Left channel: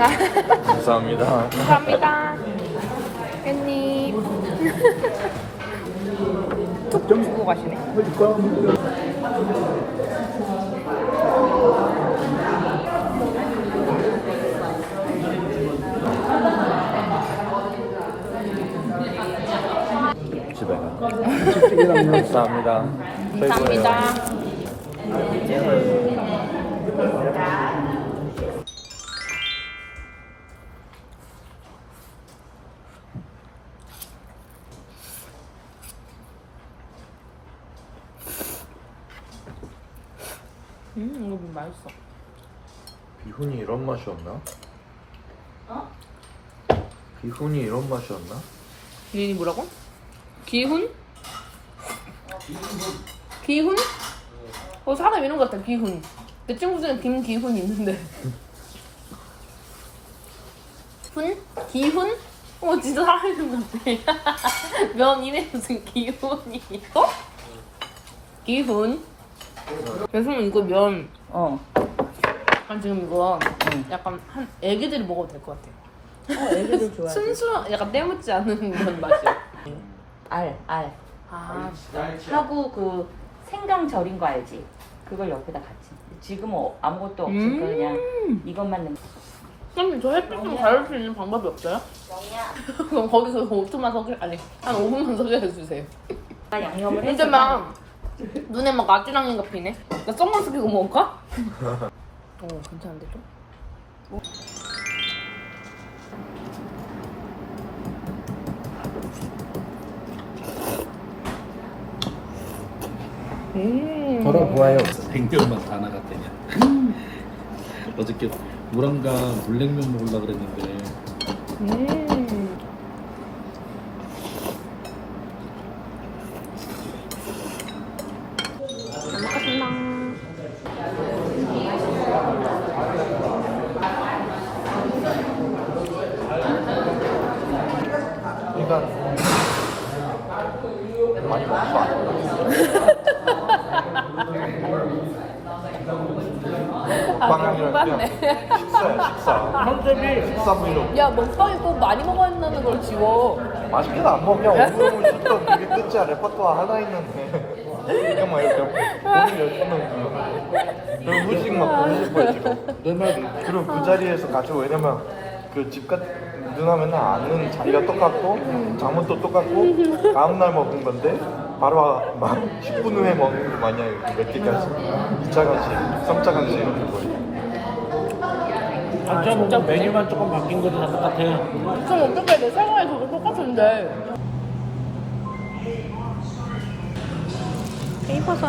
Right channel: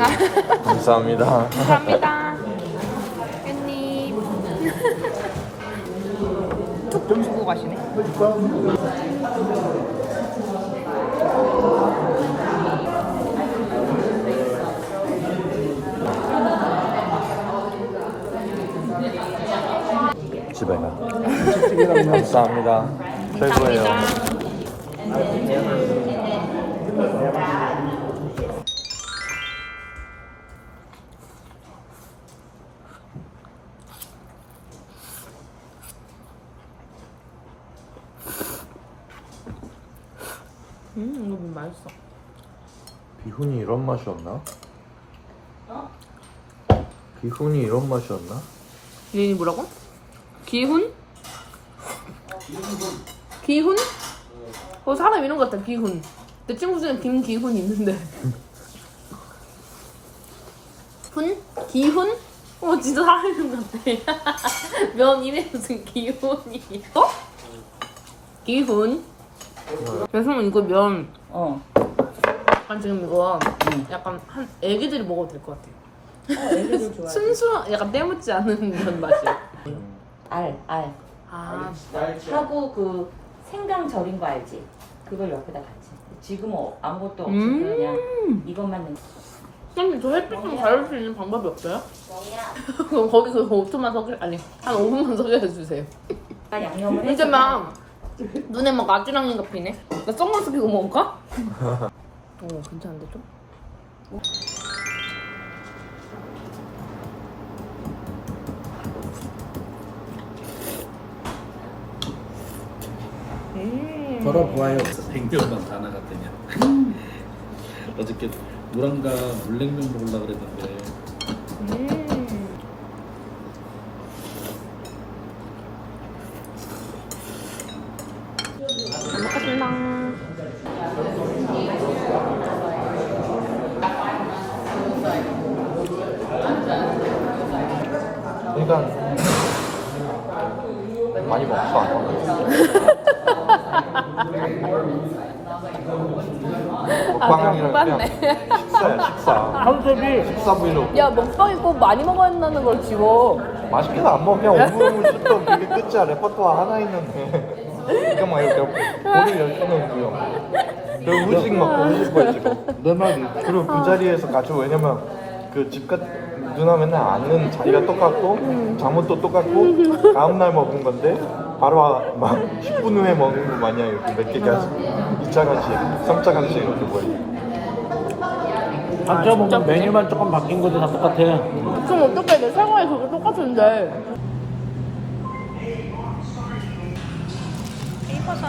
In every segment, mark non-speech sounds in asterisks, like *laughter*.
감사합니다. 감사합니다. 깻잎. 툭 주고 가시네. 집에 가. *laughs* 감사합니다. 감사합니다. 음, 이거 좀 맛있어. 비훈이 이런 맛이었나? 비훈이 이런 맛이었나? 이름이 뭐라고? 기훈? 기훈? 어 사람 이름 같다 기훈 내 친구 중에 김기훈 있는데 훈? 기훈? 어 진짜 사람 이름 같아 *laughs* 면 이름이 무슨 기훈이 어? 기훈 여성은 이거 면 어. 약간 지금 이거 응. 약간 한 애기들이 먹어도 될 것 같아요. *laughs* 순수한 약간 때묻지 않은 면 맛이야 알, 알. 아 하고 그 생강 절인 거 알지? 그걸 옆에다 같이. 지금 은 아무것도 없이 음. 그냥 이것만 넣. 선생님 저 햇빛 좀 가릴 수 있는 방법이 없어요? 그럼 거기 그 5초만 석 아니 한 5분만 석여 주세요 양념을 근데 막 눈에 막 아지랑이가 피네 나 선글라스 끼고 먹을까? 오 *laughs* 괜찮은데 좀? 음. 걸어보아요. 뱅병만 다 나갔대냐. 어저께 물안가 물냉면 먹으려고 그랬는데 음. 일단 많이 먹었어. 아, 킹받네. 컨셉이 식사 브이로그. 야, 먹방이 꼭 많이 먹어야 한다는 걸 지워. 맛있게도 안 먹냐? 오늘 *laughs* 식던 되게 끝이야. 레퍼토어 하나 있는데. 막 이렇게 오늘 열심히 먹고. 그리고 후식 먹고 후식 가지고. 그리고 그 자리에서 같이 왜냐면 그 집같 누나 맨날 아는 자리가 똑같고 잠옷도 똑같고 다음날 먹은 건데 바로 막 10분 후에 먹는 거 마냥 이렇게 몇 개까지 2차 간식, 3차 간식 이렇게 거의. 아, 진짜 진짜 뭐 그래? 메뉴만 조금 바뀐 거랑 똑같아. 그럼 어떻게 내 생활이 그게 똑같은데. 이거서.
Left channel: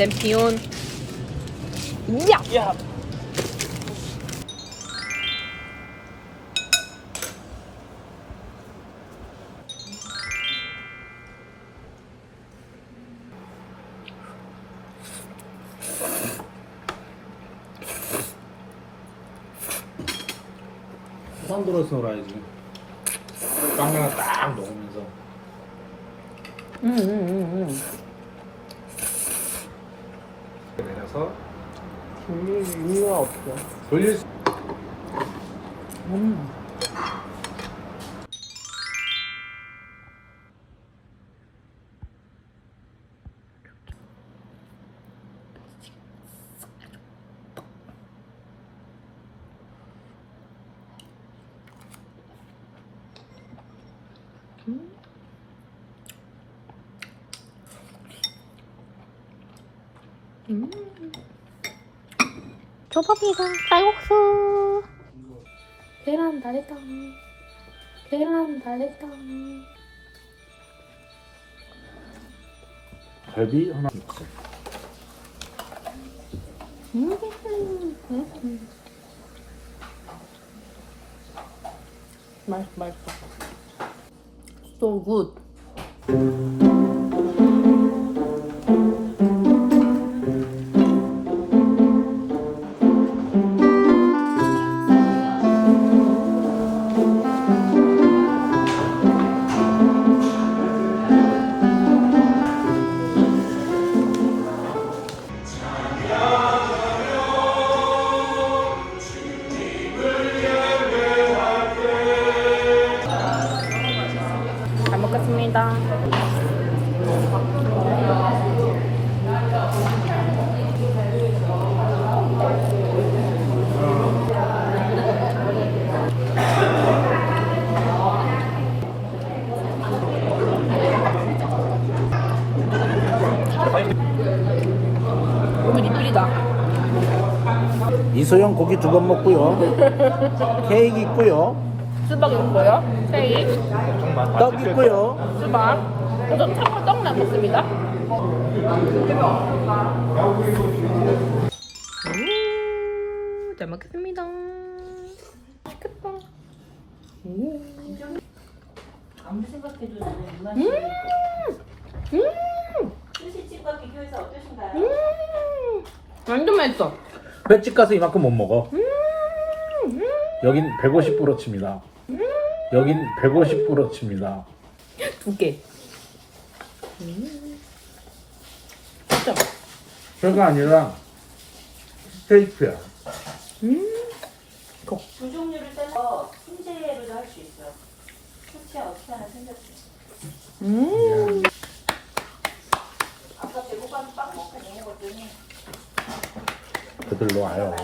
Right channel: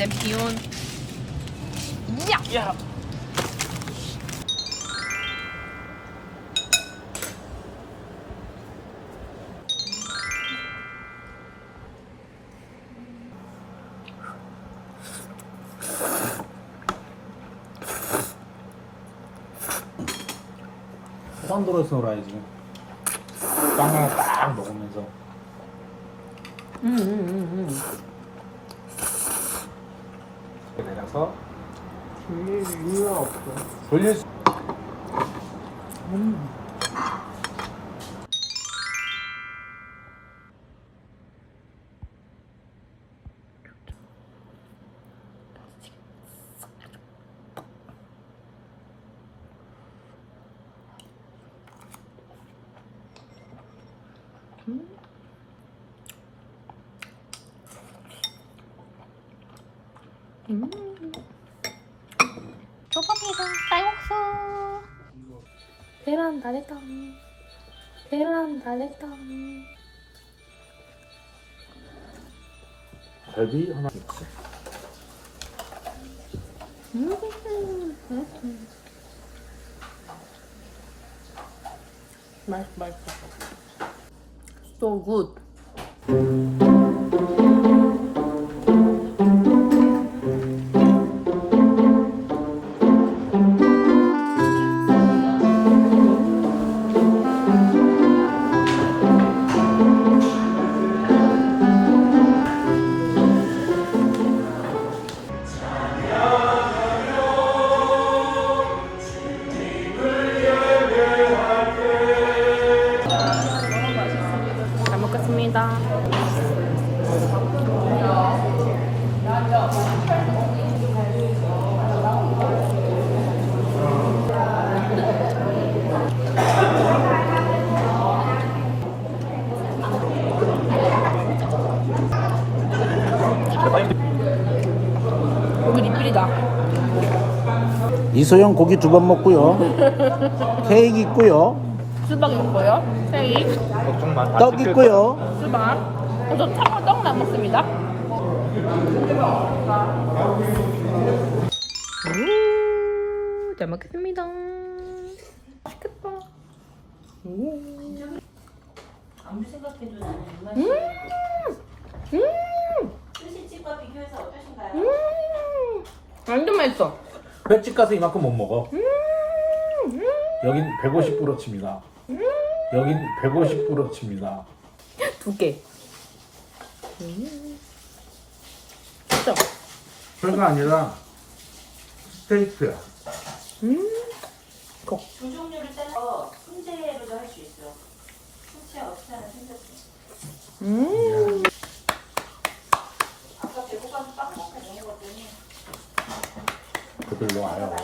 챔피온. 야! 야! 처음 들어서 그래야지. 깜짝 딱 먹으면서. 음, 음, 음, 음. 내려서 돌릴 이유가 없어. 돌릴 수. 초밥이랑 쌀국수. 계란 다리탕. 계란 다리탕. 갈비 하나. 음, 음, 음. 맛있어, 맛있어. So good. 고기 리필이다. 이소영 고기 두 번 먹고요. *laughs* 케이크 있고요. 수박 있고요. 케이크, 떡 있고요. 수박. 어, 저 참고로 떡은 안 먹습니다. 오, 잘 먹겠습니다. 맛있겠다. 아무리 생각해도 나는 누나 음! 음! 스시집과 비교해서 어떠신가요? 음! 완전 맛있어. 횟집 가서 이만큼 못 먹어. 여긴 150 불어치입니다. 여긴 150 불어치입니다. 두 개. 음. 진짜. 별거 아니라 스테이크야. 음. 두 종류를 따서 훈제로도 할 수 있어요. 하나 생겼어요. 음. 아까 배고파서 빵 먹고 먹었더니 그들로 와요.